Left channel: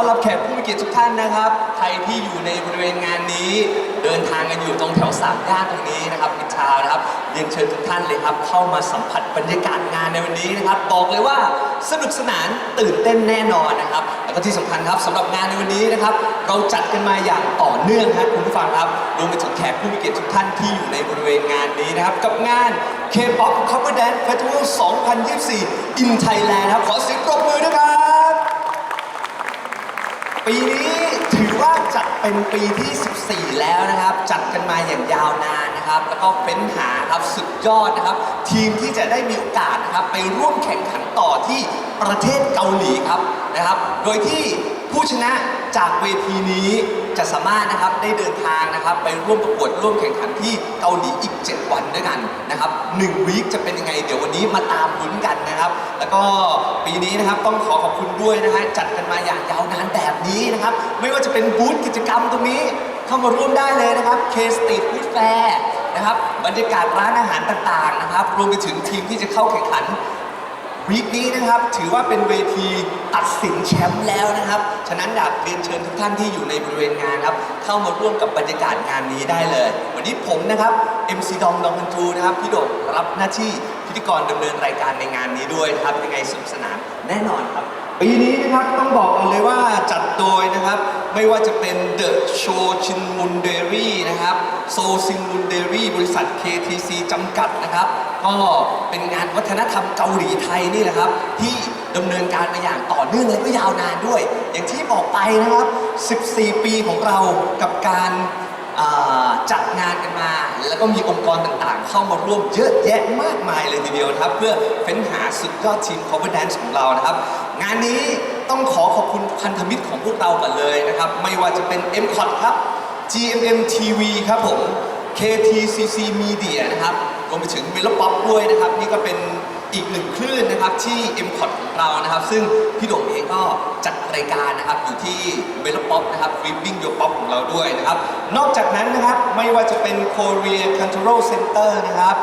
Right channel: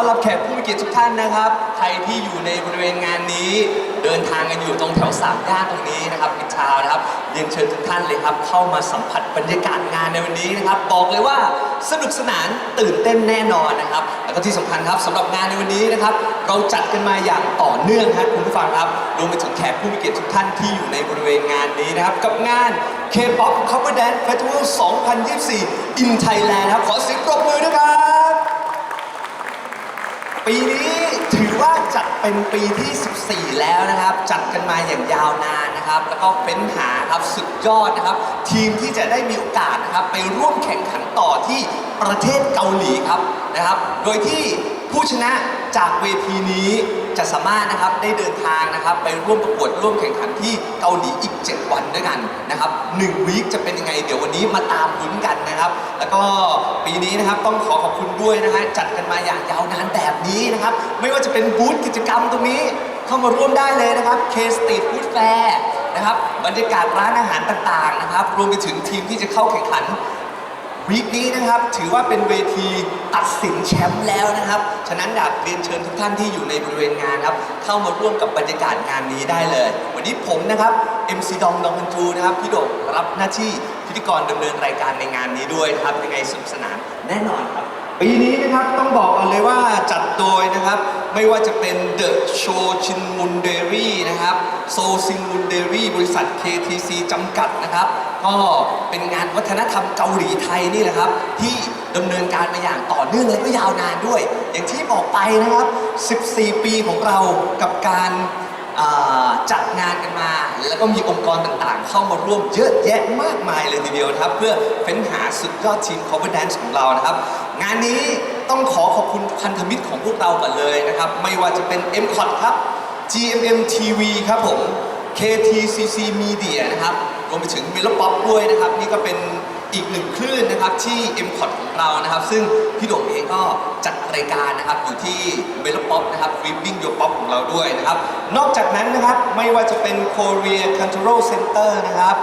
ต้อนรับแขกผู้มีเกียรติทุกท่านนะครับ ใครที่อยู่ในบริเวณงานนี้ เดินทางกันอยู่ตรงแถวสามย่านตรงนี้นะครับมิชาวนะครับเรียนเชิญทุกท่านเลยครับ เข้ามาสัมผัสบรรยากาศงานในวันนี้นะครับ บอกเลยว่าสนุกสนานตื่นเต้นแน่นอนนะครับ แล้วก็ที่สำคัญครับสำหรับงานในวันนี้นะครับ เราจัดกันมาอย่างต่อเนื่องครับคุณผู้ฟังครับรวมไปถึงแขกผู้มีเกียรติทุกท่านที่อยู่ในบริเวณงานนี้นะครับ กับงาน K-POP Cover Dance Festival 2024 in Thailand ครับขอเสียงปรบมือด้วยครับ ปีนี้ถือว่าจัดเป็นปีที่ 14 แล้วนะครับ จัดกันมาอย่างยาวนานนะครับ แล้วก็เฟ้นหาครับสุดยอดนะครับ ทีมที่จะได้มีโอกาสนะครับ ไปร่วมแข่งขันต่อที่ประเทศเกาหลีครับนะครับ โดยที่ผู้ชนะ จากเวทีนี้จะสามารถนะครับได้เดินทางนะครับ ไปร่วมประกวดร่วมแข่งขันที่เกาหลีอีก 7 วันด้วยกันนะครับ1วีคจะเป็นยังไง เดี๋ยววันนี้มาตามลุ้นกันนะครับ แล้วก็ปีนี้นะครับต้องขอขอบคุณด้วยนะฮะจัดกันมาอย่างยาวนานแบบนี้นะครับ ไม่ว่าจะเป็นบูธกิจกรรมตรงนี้เข้ามาร่วมได้เลยนะครับ K Street Food Fair นะครับบรรยากาศร้านอาหารต่างๆนะครับ รวมไปถึงทีมที่จะเข้าแข่งขัน วีคนี้นะครับถือว่าเป็นเวทีตัดสินแชมป์แล้วนะครับ ฉะนั้นอยากเรียนเชิญทุกท่านที่อยู่ในบริเวณงานครับ เข้ามาร่วมกับบรรยากาศงานนี้ได้เลย วันนี้ผมนะครับ MC ดองดองกันจูนะครับพี่โดกรับหน้าที่พิธีกรดำเนินรายการในงานนี้ด้วยนะครับยังไงสนุกสนานแน่นอนครับ ปีนี้นะครับต้องบอกก่อนเลยว่าจัดโดยนะครับ ไม่ว่าจะเป็น The Show Chin Mun Dairy นะครับโซซินมุนเดรี่บริษัท KTC จำกัดนะครับ ก็เป็นงานวัฒนธรรมเกาหลีไทยนี่แหละครับ ที่ดำเนินการมาอย่างต่อเนื่องและก็ยาวนานด้วย อย่างที่บอกไปนะครับ 14 ปีของเรากับการาจัดงานกันมา แล้วก็มีองค์กรต่างๆ เข้ามาร่วมเยอะแยะมากมายเลยทีเดียวนะครับ เพื่อเฟ้นหาสุดยอดทีม cover dance ของเรานะครับ งานนี้ ต้องขอขอบคุณพันธมิตรของพวกเราก่อนเลยนะครับ ไม่ว่าจะเป็น m c o t ครับ GMM TV ครับผม KTCC Media นะครับรวมไปถึง m e l o p o p ด้วยนะครับ นี่ก็เป็นอีกหนึ่งคลื่นนะครับที่ m c o t ของเรานะครับ ซึ่งพี่โด่งเองก็จัดรายการนะครับอยู่ที่ m e l o p o p นะครับ Ripping Your Pop ของเราด้วยนะครับ นอกจากนั้นนะครับไม่ว่าจะเป็น Korea Cultural Center นะครับ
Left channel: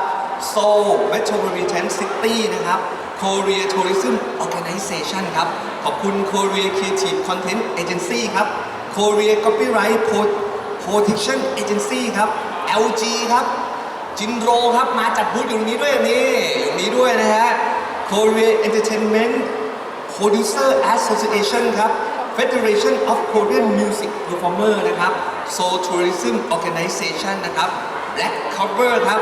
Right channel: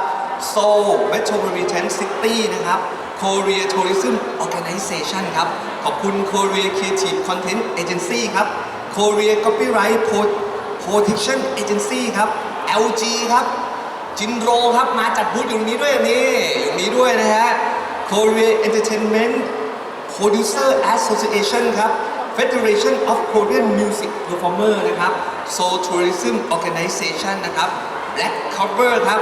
Seoul Metropolitan City นะครับ Korea Tourism Organization ครับ ขอบคุณ Korea Creative Content Agency ครับ Korea Copyright Protection Agency ครับ LG ครับ จินโรครับ มาจัดบูธอยู่ตรงนี้ด้วยนี่อยู่นี้ด้วยนะฮะ Korea Entertainment Producer Association ครับ Federation of Korean Music Performer นะครับ Seoul Tourism Organization นะครับ Black Cover ครับ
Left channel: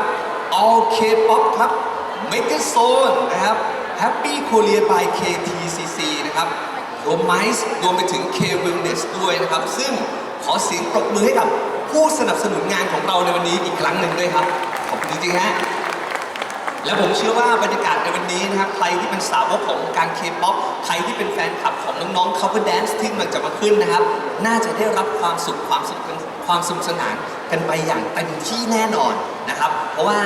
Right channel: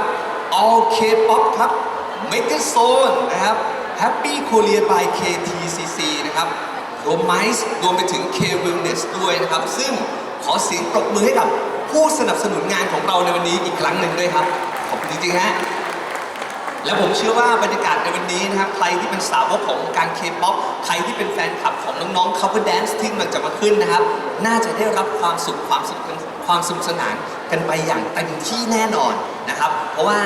All K-pop ครับ Maker Zone นะครับ Happy Korea by KTCC นะครับรวมไมซ์รวมไปถึง K Wellness ด้วยนะครับ ซึ่งขอเสียงปรบมือให้กับผู้สนับสนุนงานของเราในวันนี้อีกครั้งหนึ่งด้วยครับ ขอบคุณจริงๆฮะและผมเชื่อว่าบรรยากาศในวันนี้นะครับใครที่เป็นสาวกของการเคป๊อปใครที่เป็นแฟนคลับของน้องๆ cover dance ที่กำลังจะมาขึ้นนะครับ น่าจะได้รับความสุขความสนุกความสนุกสนานกันไปอย่างเต็มที่แน่นอนนะครับ เพราะว่า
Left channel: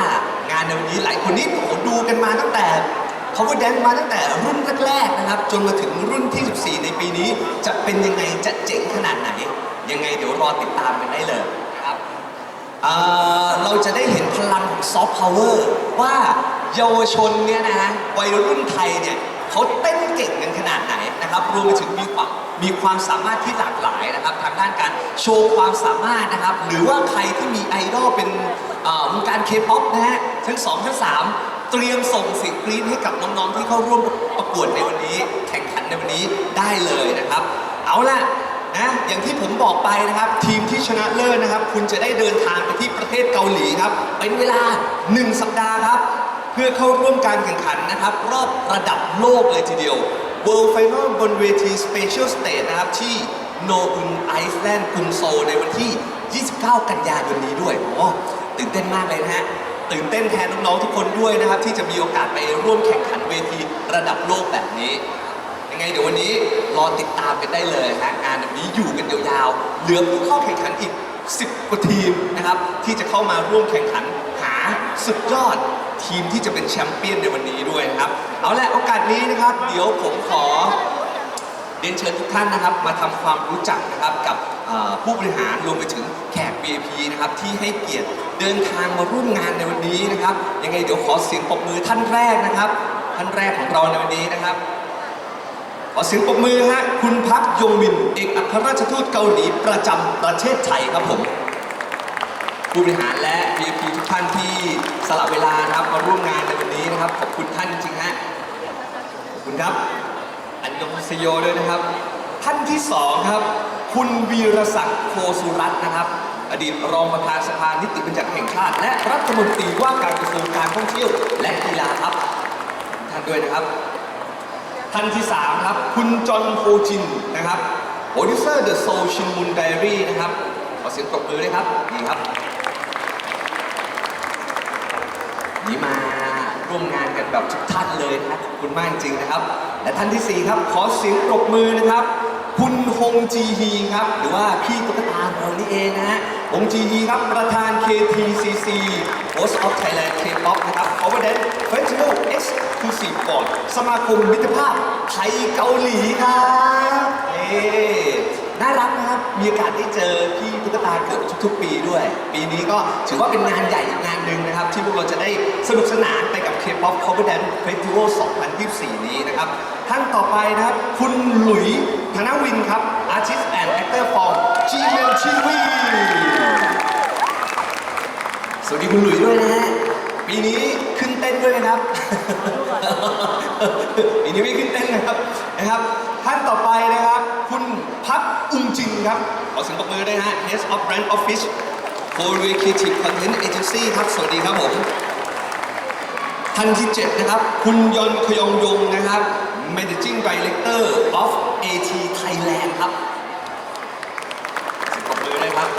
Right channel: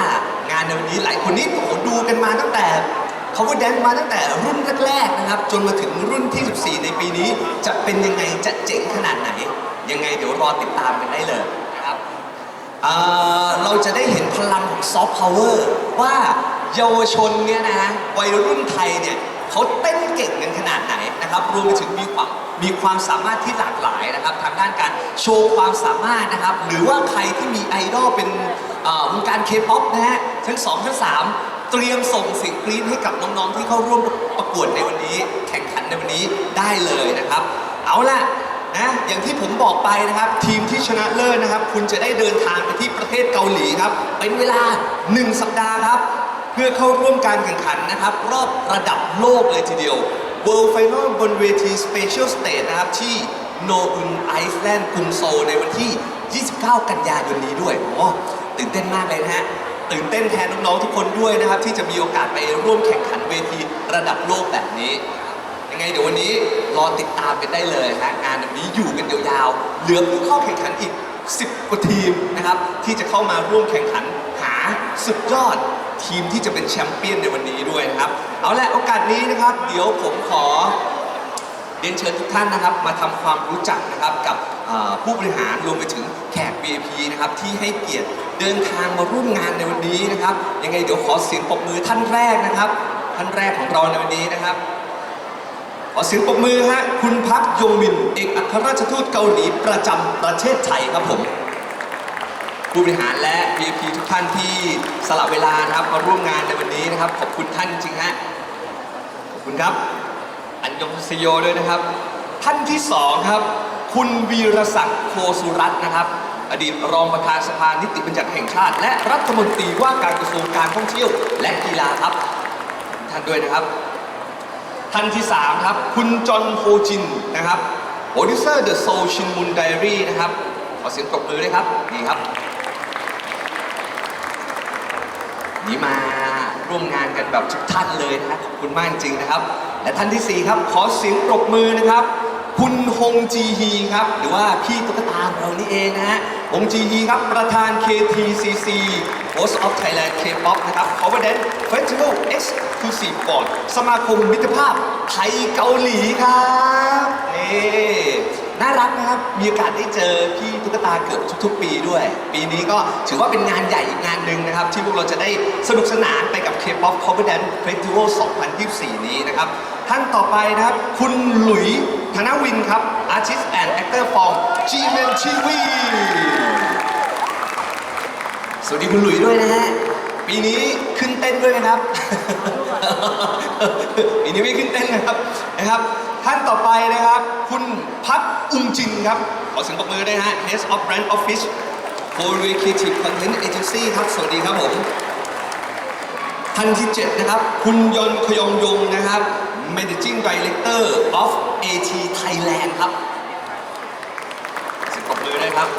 งานในวันนี้หลายคนนี่โอ้โหดูกันมาตั้งแต่ cover dance มาตั้งแต่รุ่นแรกๆนะครับ จนมาถึงรุ่นที่ 14 ในปีนี้ จะเป็นยังไงจะเจ๋งขนาดไหน ยังไงเดี๋ยวรอติดตามกันได้เลยนะครับเอ่อเราจะได้เห็นพลังของซอฟต์พาวเวอร์ว่าเยาวชนเนี่ยนะฮะวัยรุ่นไทยเนี่ยเขาเต้นเก่งกันขนาดไหนนะครับรวมไปถึงมีความมีความสามารถที่หลากหลายนะครับทางด้านการโชว์ความสามารถนะครับ หรือว่าใครที่มีไอดอลเป็นเอ่อวงการเคป๊อปนะฮะชั้นสองชั้นสาม เตรียมส่งเสียงกรี๊ดให้กับน้องๆที่เข้าร่วมประกวดในวันนี้ แข่งขันในวันนี้ได้เลยนะครับ เอาล่ะนะอย่างที่ผมบอกไปนะครับ ทีมที่ชนะเลิศนะครับ คุณจะได้เดินทางไปที่ประเทศเกาหลีครับ เป็นเวลา 1 สัปดาห์ครับ เพื่อเข้าร่วมการแข่งขันนะครับ รอบระดับโลกเลยทีเดียว World Final บนเวที Special Stage นะครับ ที่โนอุนไอซ์แลนด์กรุงโซลในวันที่ 29 กันยายนนี้ด้วย โอ้ตื่นเต้นมากเลยนะฮะ ตื่นเต้นแทนน้องๆทุกคนด้วยนะครับ ที่จะมีโอกาสไปร่วมแข่งขันเวทีระดับโลกแบบนี้ ยังไงเดี๋ยววันนี้รอติดตามกันได้เลยนะงานแบบนี้อยู่กันยาวๆเหลือผู้เข้าแข่งขันอีก 10กว่าทีมนะครับ ที่จะเข้ามาร่วมแข่งขันหาสุดยอดทีมที่จะเป็นแชมเปี้ยนในวันนี้ด้วยนะครับ เอาละโอกาสนี้นะครับ เดี๋ยวผมขอเรียนเชิญทุกท่านนะครับ มาทำความรู้จักนะครับกับผู้บริหารรวมไปถึงแขก VIP นะครับที่ให้เกียรติเดินทางมาร่วมงานในวันนี้นะครับ ยังไงเดี๋ยวขอเสียงปรบมือท่านแรกนะครับ ท่านแรกของเราในวันนี้นะครับ ขอเสียงปรบมือฮะคุณพักยงมินเอกอัครราชทูตเกาหลีประจำประเทศไทยครับผมผู้บริหารและ VIP ทุกท่านที่สละเวลานะครับมาร่วมงานในวันนี้นะครับ ขอบคุณท่านจริงๆฮะขอบคุณครับ อันยงเซโยด้วยนะครับ ท่านที่สองครับ คุณวีรศักดิ์โคสุรัตน์นะครับ อดีตรองประธานสภานิติบัญญัติแห่งชาติ และรัฐมนตรีว่าการกระทรวงการท่องเที่ยว และกีฬาครับ ท่านด้วยนะครับ ท่านที่ 3 ครับ คุณจอห์นโฮจินนะครับโปรดิวเซอร์เดอะโซชินมุนไดรี่นะครับ ขอเสียงปรบมือด้วยครับดีครับนี่มาร่วมงานกันแบบทุกท่านเลยนะครับขอบคุณมากจริงๆนะครับ และท่านที่ 4 ครับ ขอเสียงปรบมือนะครับ คุณ ฮงจีฮีครับ หรือว่าพี่ตุ๊กตาเรานี่เองนะฮะฮงจีฮีครับประธาน KTCC Host of Thailand K-pop นะครับ Cover Dance Festival Exclusive Board สมาคมมิตรภาพไทยเกาหลีครับเอ๊น่ารักนะครับ มีโอกาสได้เจอพี่ตุ๊กตาเกือบทุกๆ ปีด้วย ปีนี้ก็ถือว่าเป็นงานใหญ่อีกงานหนึ่งนะครับ ที่พวกเราจะได้สนุกสนานไปกับ K-pop Cover Dance Festival 2024 นี้นะครับ ท่านต่อไปนะครับ คุณหลุย ธนวินครับ Artist and Actor from GMTV สวัสดีคุณหลุยด้วยนะฮะ ปีนี้ขึ้นเต้นด้วยนะครับ ปีนี้ไม่ขึ้นเต้นนะครับนะครับ ท่านต่อไปนะครับ คุณพักอุงจินครับ ขอเสียงปรบมือด้วยนะฮะ Head of Brand Office Korea Creative Content Agency ครับ สวัสดีครับผมท่านที่ 7 นะครับ คุณยนขยองยงนะครับ Managing Director of AT Thailand ครับสิบปรบมือด้วยครับ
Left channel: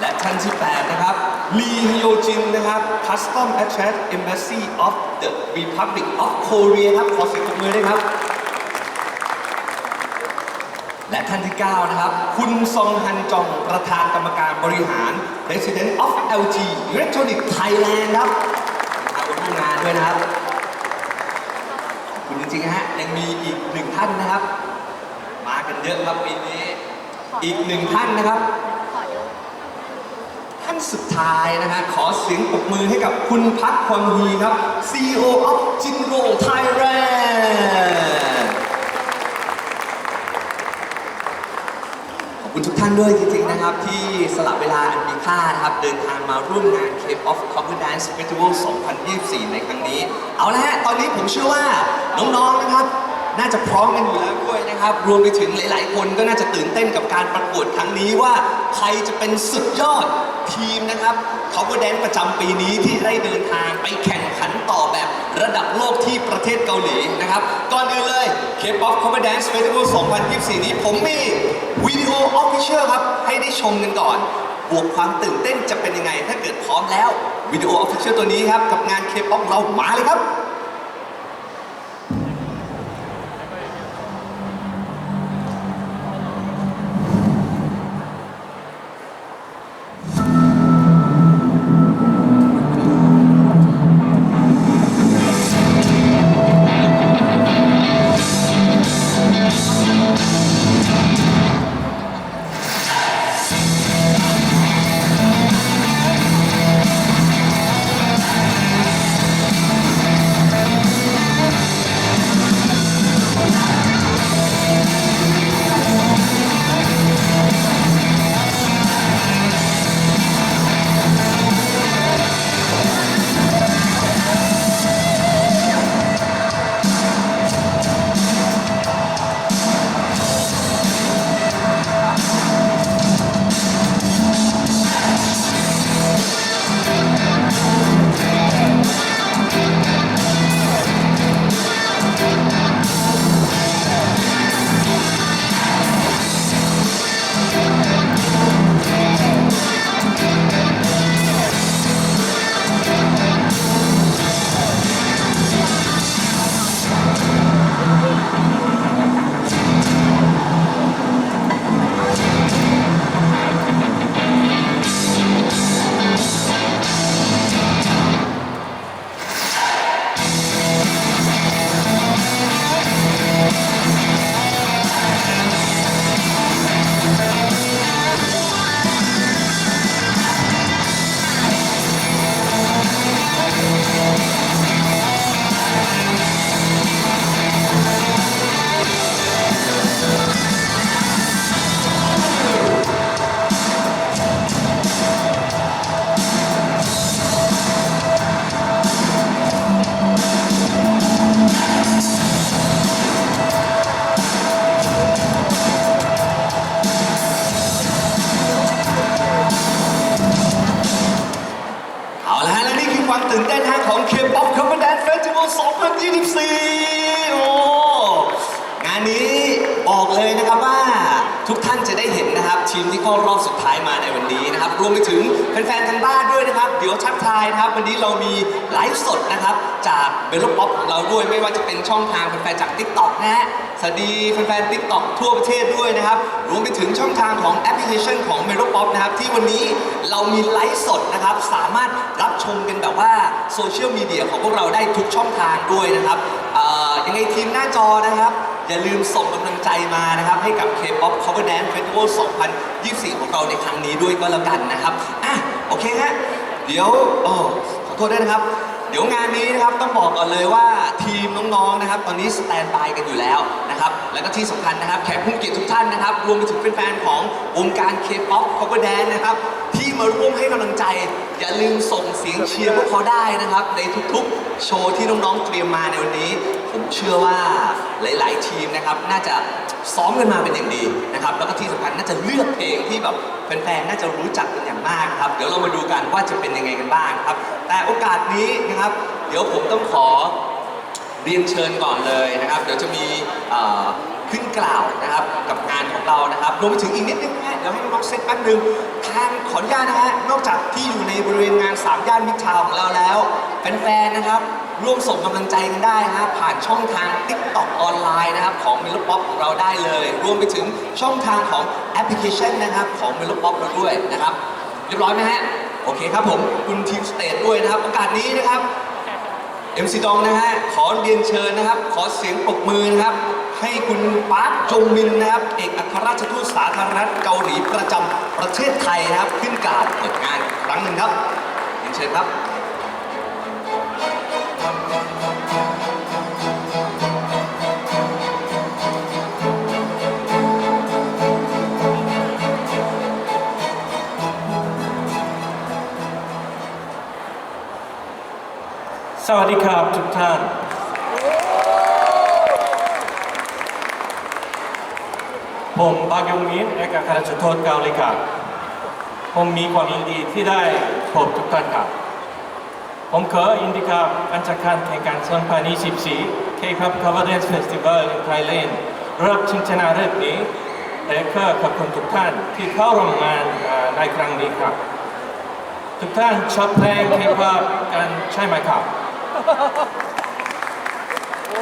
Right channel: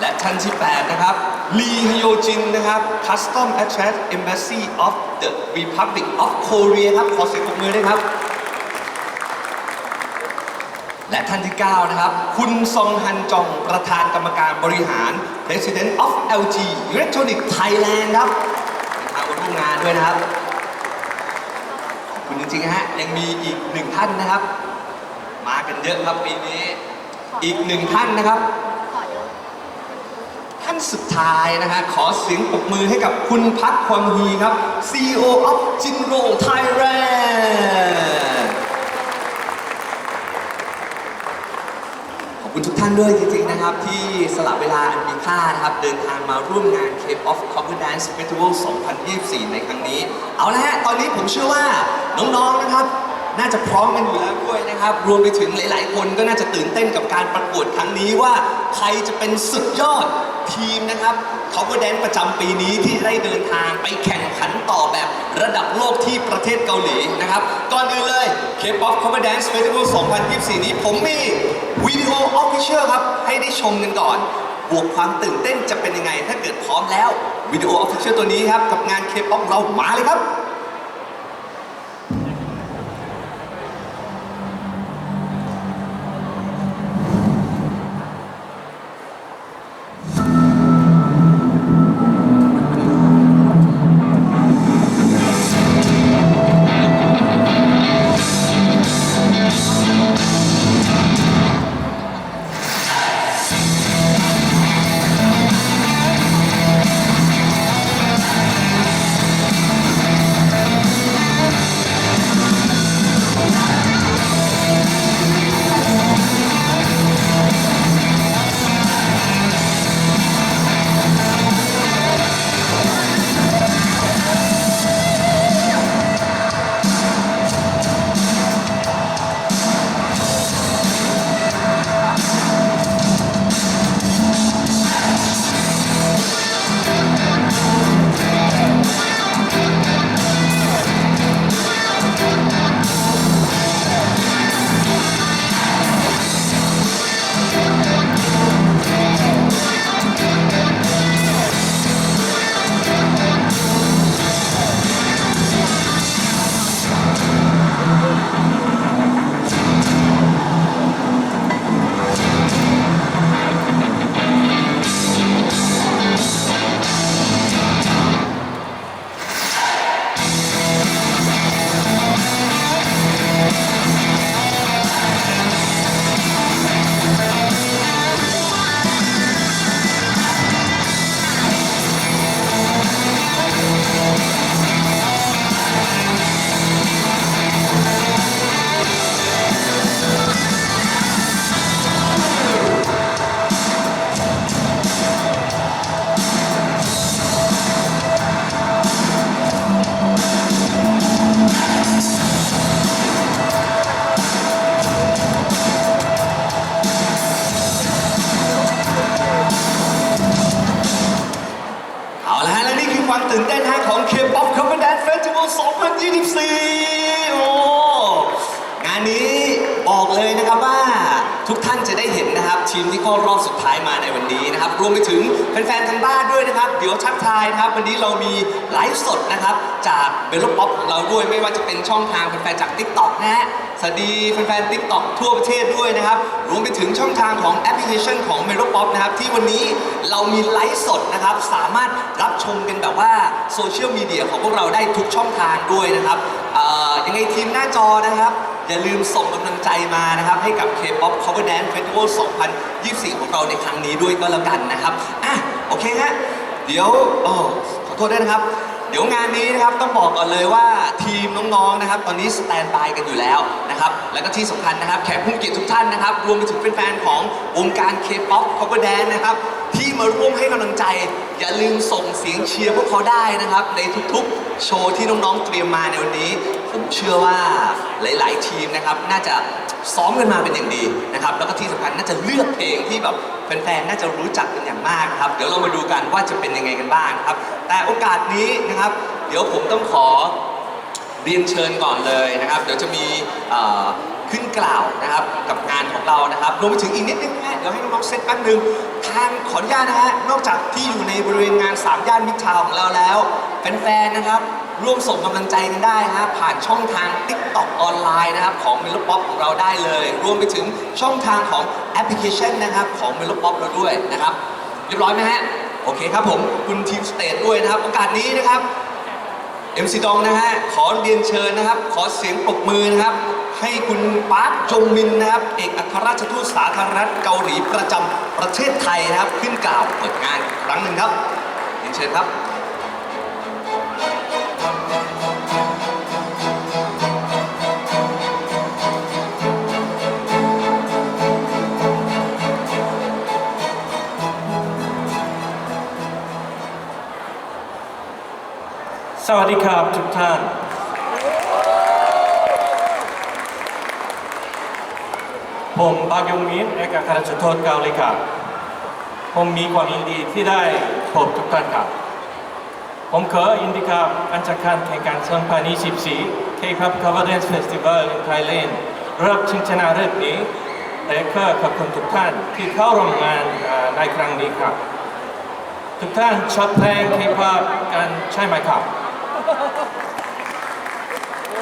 และท่านที่8นะครับลีฮโยจินนะครับ Custom Attract Embassy of the Republic of Korea ครับ ขอเสียงปรบมือด้วยครับและท่านที่ 9 นะครับ คุณซองฮันจองประธานกรรมการบริหาร President of LG Electronic Thailand ครับมาร่วมงานด้วยนะครับ จริงๆนะฮะยังมีอีกหนึ่งท่านนะครับ มากันเยอะครับปีนี้ อีกหนึ่งท่านนะครับท่านสุดท้ายนะฮะขอเสียงปรบมือให้กับคุณพักความฮีครับ CEO of Jinro Thailand คุณทุกท่านด้วยจริงๆนะครับ ที่สละเวลาอันมีค่านะครับ เดินทางมาร่วมงาน K-POP Cover Dance Festival 2024 ในครั้งนี้ เอาละฮะตอนนี้ผมเชื่อว่าน้องๆนะครับ น่าจะพร้อมกันอยู่แล้วด้วยนะครับ รวมไปถึงหลายๆ คนก็น่าจะตื่นเต้นกับการประกวดครั้งนี้ว่า ใครจะเป็นสุดยอด ทีมนะครับ Cover Dance ประจำปีนี้ที่ได้เดินทางไปแข่งขันต่อแบบระดับโลกที่ประเทศเกาหลีนะครับ ก่อนอื่นเลย K-POP Cover Dance Festival 2024 นี้ผมมีวิดีโอออฟฟิเชียลครับ ให้ได้ชมกันก่อน บวกความตื่นเต้นจะเป็นยังไง ถ้าเกิดพร้อมแล้ววิดีโอออฟฟิเชียลตัวนี้ครับ กับงาน K-POP เรามาเลยครับ เข้ารอบสุดท้ายมาในวันนี้นะครับ รวมไปถึงแฟนๆทางบ้านด้วยนะครับ เดี๋ยวชักทายนะครับ วันนี้เรามีไลฟ์สดนะครับ จากเบลล์ป๊อปของเราด้วยไม่ว่าจะเป็นช่องทางแฟนๆจาก TikTok นะฮะสวัสดีแฟนๆ TikTok ทั่วประเทศด้วยนะครับ รวมไปถึงช่องทางของแอปพลิเคชันของเมโลป๊อปนะครับ ที่วันนี้เรามีไลฟ์สดนะครับ สามารถรับชมกันแบบว่าโซเชียลมีเดียของพวกเราได้ทุกช่องทางด้วยนะครับเอ่อยังไงทีมหน้าจอนะครับ อย่าลืมส่งกำลังใจมานะครับ ให้กับ K-POP Cover Dance Festival 2024 ของเราในครั้งนี้ด้วยก็แล้วกันนะครับอะโอเคฮะเดี๋ยวโอ้ขอโทษด้วยนะครับ เดี๋ยวงานนี้นะครับต้องบอกก่อนเลยว่าทีมน้องๆนะครับ ตอนนี้สแตนบายกันอยู่แล้วนะครับ แล้วก็ที่สำคัญนะครับ แขกผู้เกียรติทุกท่านนะครับ รวมไปถึงแฟนๆของวงการ K-POP Cover Dance นะครับ ที่มาร่วมให้กำลังใจ อย่าลืมส่งเสียงเชียร์พวกเขาได้นะครับ ในทุกๆ โชว์ที่น้องๆเตรียมมาในวันนี้ ผมเชื่อว่าหลาย ๆ ทีมนะครับน่าจะซ้อมกันมาเป็นอย่างดีนะครับแล้วก็ที่สำคัญน่าจะเลือกเพลงที่แบบแฟนๆน่าจะรู้จักกันอย่างมากครับเดี๋ยวเรามาดูกันว่าจะเป็นยังไงกันบ้างครับ แต่โอกาสนี้นะครับ เดี๋ยวผมต้องขอเรียนเชิญก่อนเลยนะครับ เดี๋ยวจะมีขึ้นกล่าวนะครับกับงานของเรานะครับรวมไปถึงอีกนิดนึงนะเดี๋ยวให้น้องๆเซตแป๊บนึงทางขออนุญาตนะฮะนอกจากที่อยู่ในบริเวณงานสามย่านมิตรทาวน์ของเราแล้วแฟนๆนะครับ ร่วมส่งกำลังใจกันได้ฮะผ่านช่องทาง TikTok ออนไลน์นะครับของ m e l o p o p ของเราได้เลย รวมไปถึงช่องทางของแอปพลิเคชันนะครับของ m e l o p o p เราด้วยนะครับ เรียบร้อยไหมฮะ โอเคครับผมคุณทีมสเตทด้วยนะครับ โอกาสนี้นะครับเอ็มซีดองนะฮะขอเรียนเชิญนะครับ ขอเสียงปรบมือนะครับ ให้คุณปาร์คจงมินนะครับ เอกอัครราชทูตสาธารณรัฐเกาหลีประจำประเทศไทยนะครับ ขึ้นกล่าวเปิดงานครั้งหนึ่งครับเรียนเชิญครับ สวัสดีครับทุกท่าน ผมบากยงมินเอกอัครราชทูตเกาหลีครับ ผมมีความยินดีที่ได้พบทุกท่านครับ ผมขอยินดีครับการจัดการแข่งขัน2024 K-pop Cover Dance Festival in Thailand รอบชิงชนะเลิศนี้และก็ขอบคุณทุกท่านที่เข้าร่วมงานในครั้งนี้ครับ ทุกท่านชอบเพลง K-pop กันใช่ไหมครับ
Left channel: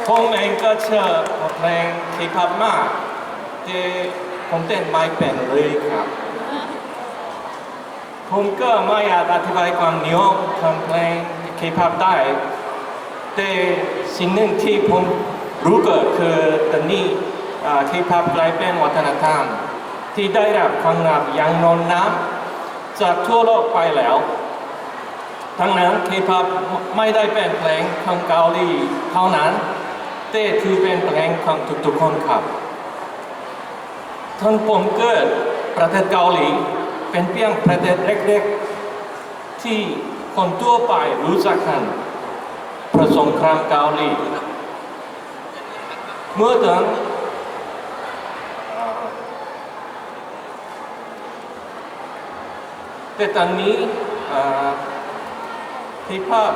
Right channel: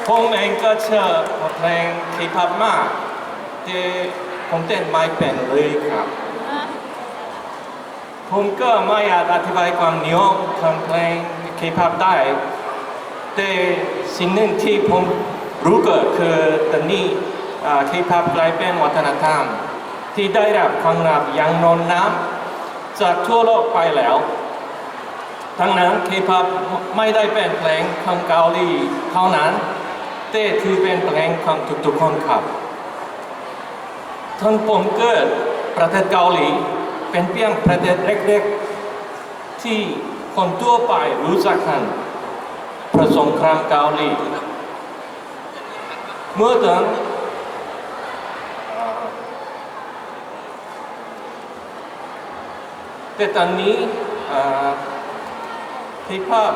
ผมเองก็ชอบเพลง K-pop มากแต่ผมเต้นไม่เป็นเลยครับ ผมก็ไม่อาจอธิบายความนิยมของเพลง K-pop ได้ แต่สิ่งหนึ่งที่ผมรู้ก็คือตอนนี้อ่า K-pop กลายเป็นวัฒนธรรม ที่ได้รับความรับอย่างนอนน้ำจากทั่วโลกไปแล้ว ทั้งนั้น K-pop ไม่ได้เป็นเพลงของเกาหลีเท่านั้น แต่คือเป็นเพลงของทุกๆคนครับท่านผมเกิดประเทศเกาหลี เป็นเพียงประเทศเล็กๆ ที่คนทั่วไปรู้จักกันเพระสงครามเกาหลี เมื่อตอนเอ่อแต่ตอนนี้ เอ่อฮิปฮอป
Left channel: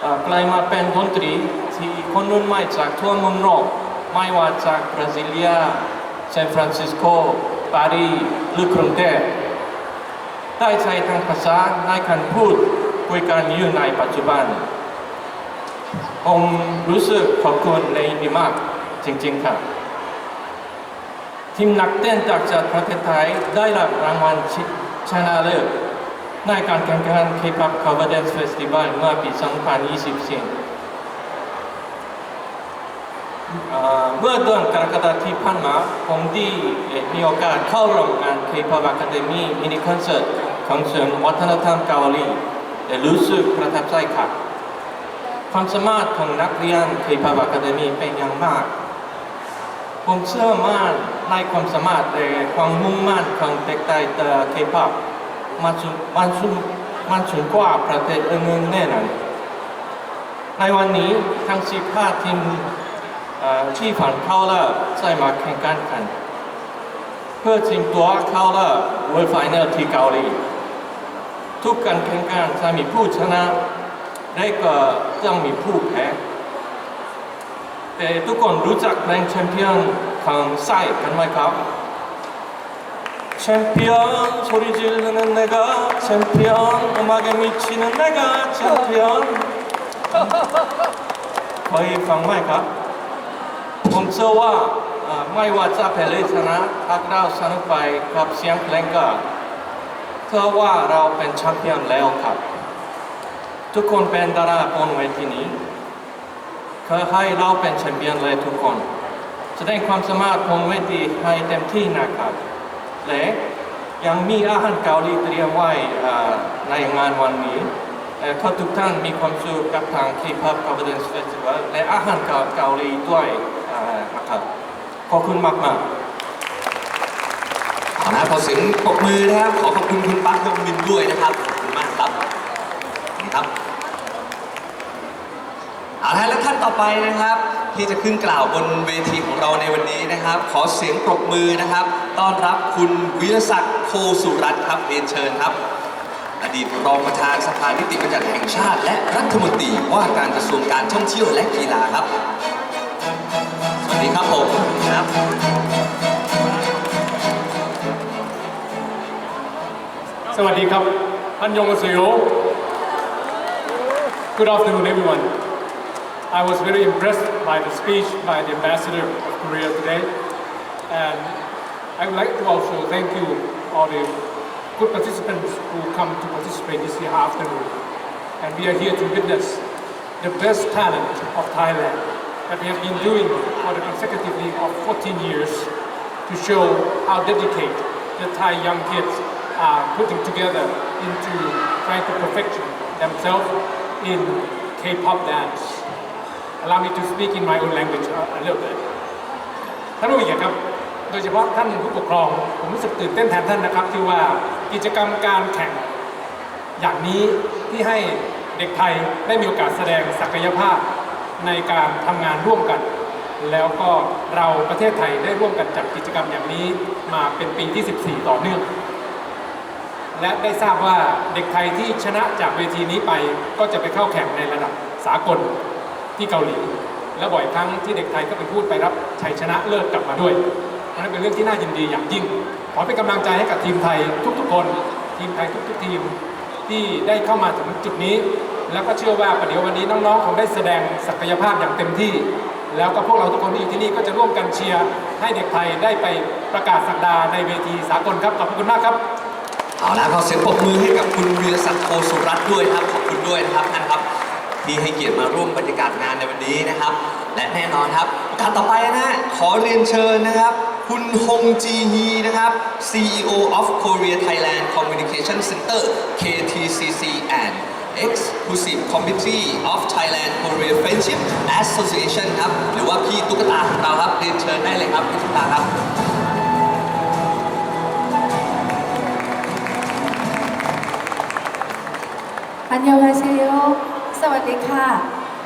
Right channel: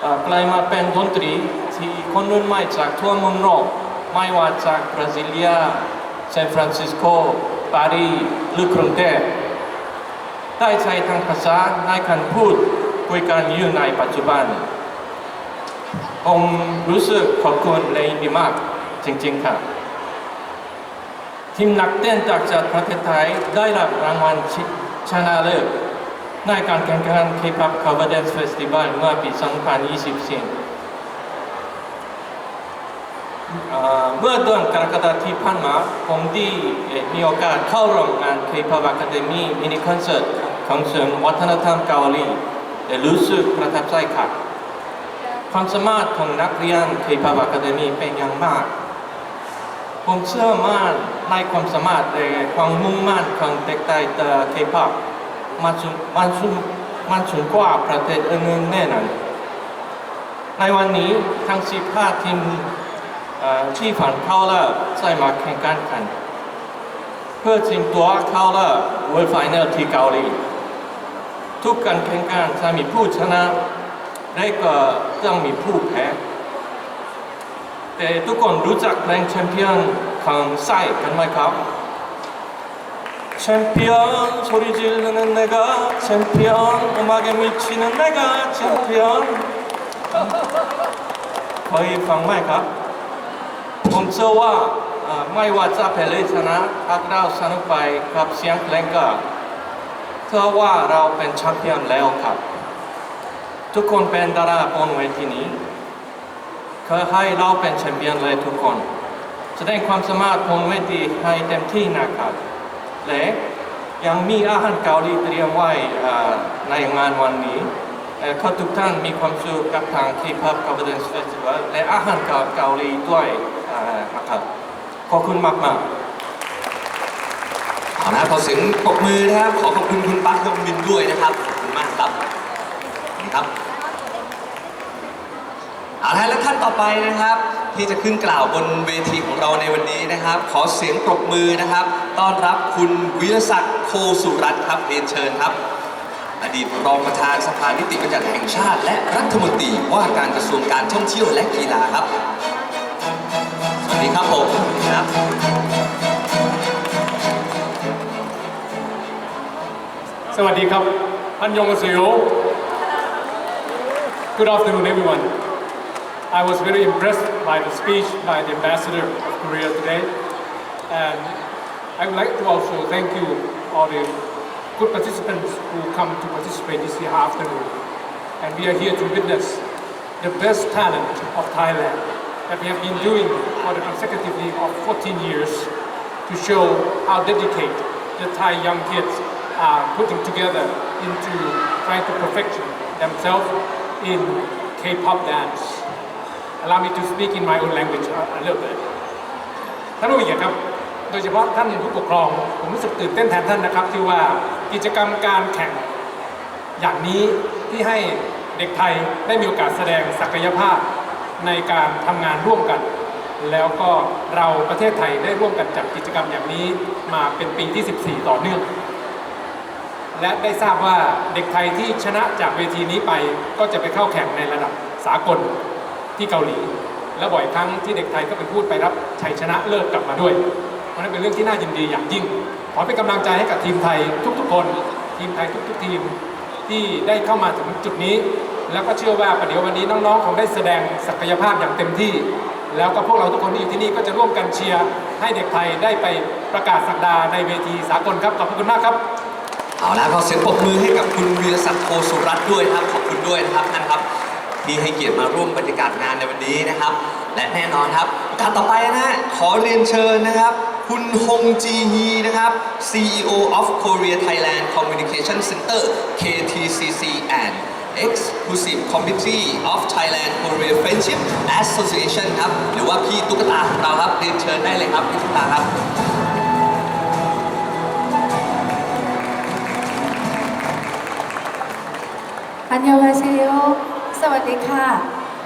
เอ่อกลายมาเป็นดนตรีที่คนรุ่นใหม่จากทั่วมุมโลกไม่ว่าจากบราซิเลียซานฟรานซิสโกปารีสหรือกรุงเทพได้ใช้ทางภาษาในการพูดคุยกันอยู่ในปัจจุบัน ผมรู้สึกขอบคุณในดีมากจริงๆครับทีมนักเต้นจากจากประเทศไทยได้รับรางวัลชชนะเลิศ ในการแข่งขัน K-pop Cover Dance Festival เมื่อปี 2024 เมื่อเดือนกรกฎาคมที่ผ่านมาผมได้มีโอกาสเข้าร่วมงาน K-pop Academy มินิคอนเสิร์ตของศูนย์วัฒนธรรมเกาหลีและรู้สึกประทับใจครับความสามารถของนักเรียน K-pop Academy เป็นอย่างมาก ผมเชื่อมั่นในความสามารถและความมุ่งมั่นของเด็กไทยแต่เคป๊อป มันสูงมันสูงมันสูงกว่าประเทศอื่นๆแน่นอนในวันนี้ทั้งสิบห้าทีมที่ผ่านเข้ารอบใส่มาแข่งขันกัน เพื่อชิงตัวเข้ารอบ World Final ที่เกาหลีทุกการแข่งขันจะมีผู้ชนะและก็ต้องมีผู้แพ้แต่ทุกคนรู้จักเพลงแชมเปี้ยนของไส้กันไหมครับ 챔피언 소리 지르는 내가 챔피언 음악에 미치는 내가 챔피언 거의ฟังไหมครับ ผมเชื่อว่าเอ่อไม่ว่าจะแพ้หรือชนะหากเราสนุกไปกับเสียงเพลงก็เชื่อว่าเราเป็นแชมเปี้ยนแล้วครับ ทุกคนเป็นดาราบนเวทีนี้ขอให้เราเป็นแชมเปี้ยนเลยทุกคน แสดงความสามารถบนเวทีให้เต็มที่นะครับ และยังมีอาหารเกาหลีเตรียมไว้ในงานวันนี้ขอทุกท่านมีความสุขกับทาง K-pop Confidence Festival และอาหารเกาหลีด้วยนะครับขอบคุณมากๆเอาละขอเสียงปรบมือนะครับ ขอขอบคุณคุณปั๊กยงมินด้วยนะครับนี่ครับ เอาละและท่านต่อไปนะครับ ที่จะขึ้นกล่าวบนเวทีของเราในวันนี้นะครับ ขอเสียงปรบมือนะครับ ต้อนรับคุณวิรศักดิ์โคสุรัตน์ครับเรียนเชิญครับ อดีตรองประธานสภานิติบัญญัติแห่งชาติ และรัฐมนตรีว่าการกระทรวงการท่องเที่ยวและกีฬาครับ สวัสดีครับผมครับสวัสดีครับอันยองอาเซโย Good afternoon everyone I was very impressed by the speech by the ambassador of Korea today and I would like to also thank you all the good participants who come to participate this year afternoon and we are here to witness the best talent of Thailand that we have been doing for the consecutively of 14 years to show how dedicated the Thai young kids are putting together into trying to perfect themselves in K-pop dance. Allow me to speak in my own language a, a little bit. ท่านผู้ใหญ่ครับ โดยเฉพาะท่านผู้ปกครอง ผมรู้สึกตื่นเต้นแทนท่านนะครับ ที่ว่ากิจกรรมการแข่ง อย่างนี้ที่ให้เด็กไทยได้มีโอกาสแสดงศักยภาพในการทำงานร่วมกัน แล้วก็เราประเทศไทยได้ร่วมกันจัดกิจกรรมอย่างนี้มาเป็นปีที่ 14 ต่อเนื่อง และได้ทราบว่าเด็กไทยที่ชนะจากเวทีนี้ไปก็จะไปเข้าแข่งในระดับสากล ที่เกาหลี และบ่อยครั้งที่เด็กไทยก็ไปพูดไปรับชัยชนะเลิศกลับมาด้วยเพราะนั้นเป็นเรื่องที่น่ายินดีอย่างยิ่ง ขอเป็นกำลังใจให้กับทีมไทยทุกๆคน ทีมไทยทุกๆทีมที่ได้เข้ามาถึงจุดนี้ แล้วก็เชื่อว่าประเดี๋ยววันนี้น้องๆคงได้แสดงศักยภาพอย่างเต็มที่ แล้วก็พวกเราทุกคนที่อยู่ที่นี่ก็จะร่วมกันเชียร์ให้เด็กไทยได้ไปประกาศสักดาในเวทีสากลครับขอบคุณมากครับเอาละขอเสียงปรบมือให้กับคุณวีรศักดิ์โคสุรัตน์ด้วยนะครับขอบคุณด้วยนะครับท่านครับ ที่ให้เกียรติมาร่วมบรรยากาศงานในวันนี้นะครับ และแน่นอนครับโอกาสต่อไปนะ ขอเรียนเชิญนะครับ คุณฮงจีฮีนะครับ CEO of Korea Thailand Communication Center KTCC and Exclusive Committee of Thailand Korea Friendship Association ครับ หรือว่าพี่ตุ๊กตาของเราครับ เรียนเชิญได้เลยครับ พี่ตุ๊กตาครับอันยองาเซโย สวัสดีค่ะ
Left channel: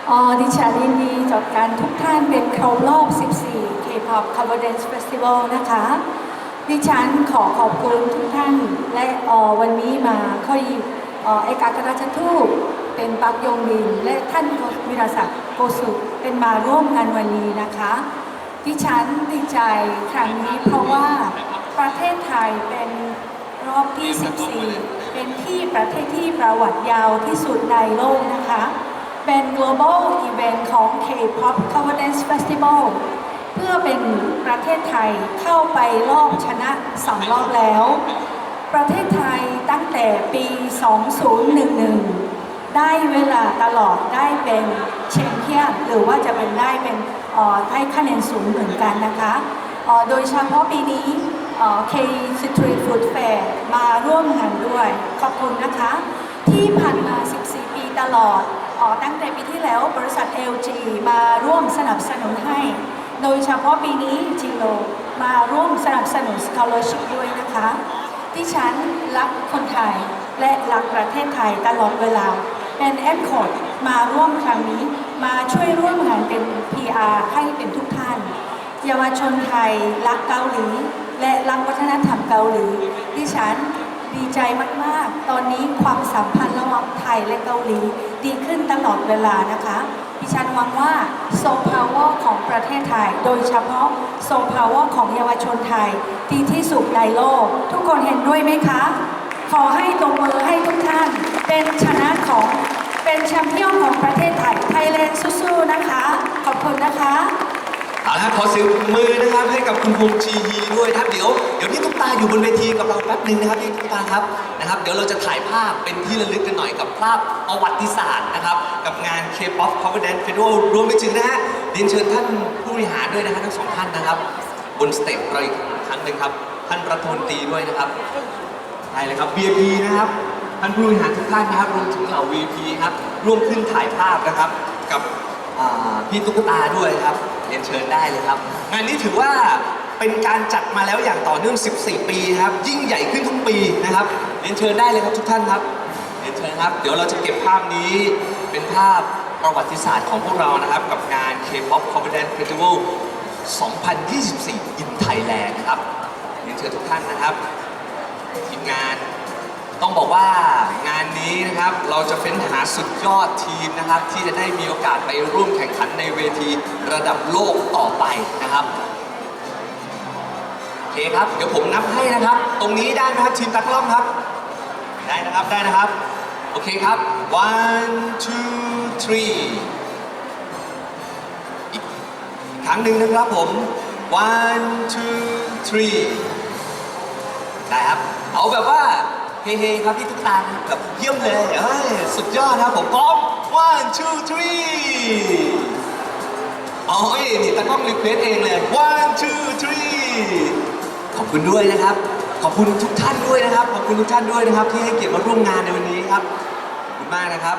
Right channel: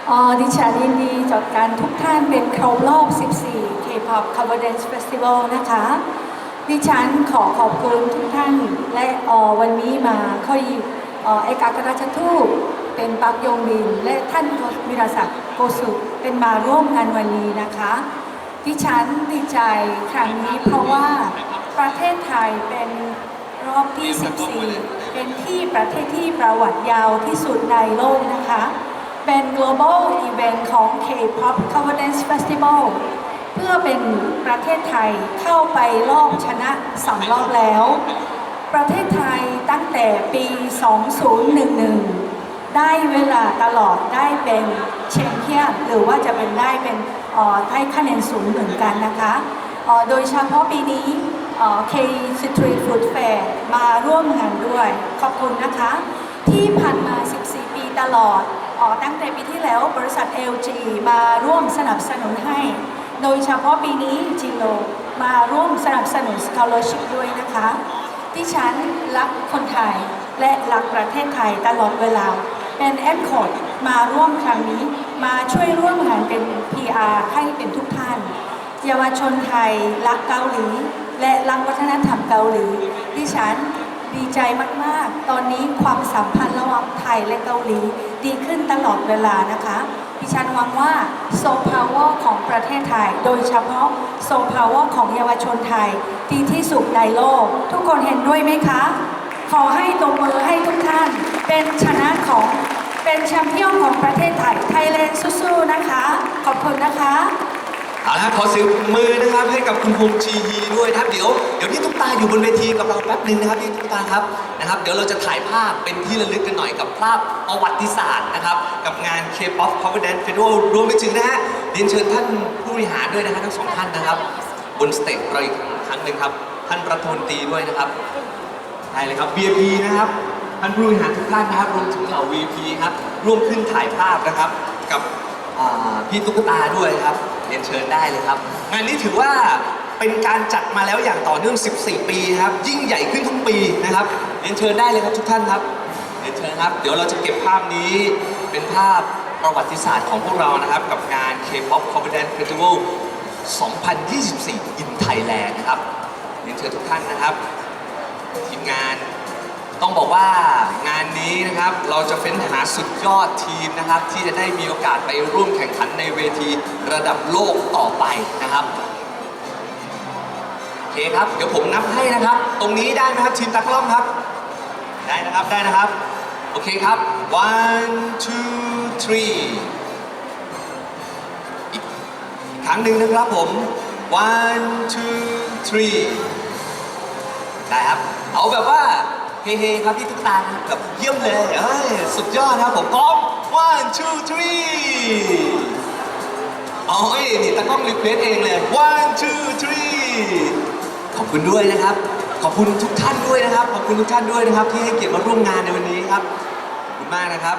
อ๋อดิฉันยินดีจดการทุกท่านเป็นครบรอบ 14 K-pop Confidence Festival นะคะ ดิฉันขอขอบคุณทุกท่าน และออวันนี้มาค่อยอ๋อเอกอัครราชทูตเป็นปักยงบิน และท่านวิรศักดิ์โกสุเป็นมาร่วมงานวันนี้นะคะ ดิฉันดีใจครั้งนี้เพราะว่าประเทศไทยเป็นรอบที่ 14 เป็นที่ประเทศที่ประวัติยาวที่สุดในโลกนะคะ เป็น global event ของ K-pop Confidence Festival เพื่อเป็นประเทศไทยเข้าไปรอบชนะสองรอบแล้ว ประเทศไทยตั้งแต่ปี 2011 ได้เวลาตลอดได้เป็นแชมเปี้ยนหรือว่าจะเป็นได้เป็นออได้คะแนนสูงเหมือนกันนะคะออโดยเฉพาะปีนี้ เออ K Street Food Fair มาร่วมงานด้วย ขอบคุณนะคะ ที่ผ่านมา 14 ปีตลอดเออตั้งแต่ปีที่แล้วบริษัท LG มาร่วมสนับสนุนให้ โดยเฉพาะปีนี้จิโลมาร่วมสนับสนุน scholarship ด้วยนะคะที่ฉันรักคนไทยและรักประเทศไทยตลอดเวลา เป็นแอมโคดมาร่วมครั้งนี้ มาช่วยร่วมงานเป็น PR ให้เป็นทุกท่าน เยาวชนไทยรักเกาหลี และรักวัฒนธรรมเกาหลีดิฉันดีใจมาก ๆ ตอนนี้ความสัมพันธ์ระหว่างไทยและเกาหลีดีขึ้นตลอดเวลานะคะดิฉันหวังว่าโซพาวเวอร์ของประเทศไทย โดยเฉพาะโซพาวเวอร์ของเยาวชนไทย ดีที่สุดในโลก ทุกคนเห็นด้วยไหมคะ ขอให้ตบมือให้ทุกท่าน เป็นชนะของเป็นแชมเปี้ยนของประเทศไทยไทยแลนด์สู้ๆนะคะ ขอบคุณนะคะ เอาละครับขอเสียงมือนะครับให้กับคุณพงษ์ชีฮีด้วยนะครับเดี๋ยวเดี๋ยวพี่ตุ๊กตาอยู่บนเวทีกับเราแป๊บหนึ่งนะครับพี่ตุ๊กตาครับนะครับ เดี๋ยวเราจะถ่ายภาพเป็นที่ระลึกกันหน่อยกับภาพประวัติศาสตร์นะครับ กับงาน K-pop Cover Dance Festival รวมไปถึงนะฮะเรียนเชิญท่านผู้บริหารด้วยนะฮะทั้งสองท่านนะครับ บนสเตจเราอีกครั้งหนึ่งครับท่านปรัฐมนตีด้วยนะครับได้เลยครับ VIP นะครับท่านผู้บริหารทุกท่านนะครับรวมถึงเหล่า VIP ครับร่วมขึ้นถ่ายภาพนะครับกับ พี่ตุ๊กตาด้วยครับเรียนเชิญได้เลยครับ งานนี้ถือว่าเป็นการจัดมาแล้วอย่างต่อเนื่อง 14 ปีครับ ยิ่งใหญ่ขึ้นทุกปีนะครับเรียนเชิญได้เลยครับทุกท่านครับเรียนเชิญครับ เดี๋ยวเราจะเก็บภาพนี้เป็นภาพประวัติศาสตร์ของพวกเรานะครับ กับงาน K-pop Confidence Festival 2024 in Thailand นะครับเรียนเชิญทุกท่านนะครับทีมงาน ต้องบอกว่างานนี้นะครับเราจะเฟ้นหาสุดยอดทีมนะครับ ที่จะได้มีโอกาสไปร่วมแข่งขันในเวทีระดับโลกต่อไปนะครับโอเคครับเดี๋ยวผมนับให้นะครับ ตรงนี้ได้ไหมครับทีมตากล้องครับ ได้นะครับได้นะครับ โอเคครับ one two three อีกอีกครั้งหนึ่งนะครับผม one two three ได้ครับ เอาแบบว่า เฮ้ยครับพี่ตุ๊กตานะแบบเยี่ยมเลยเอ้ยสุดยอดนะครับผมพร้อม one two three อ๋อเอ้ยนี่ตากล้องรีเควสเองเลย one two three ขอบคุณด้วยนะครับ ขอบคุณทุกท่านด้วยนะครับ ขอบคุณทุกท่านด้วยนะครับ ที่ให้เกียรติมาร่วมงานในวันนี้ครับ ขอบคุณมากนะครับ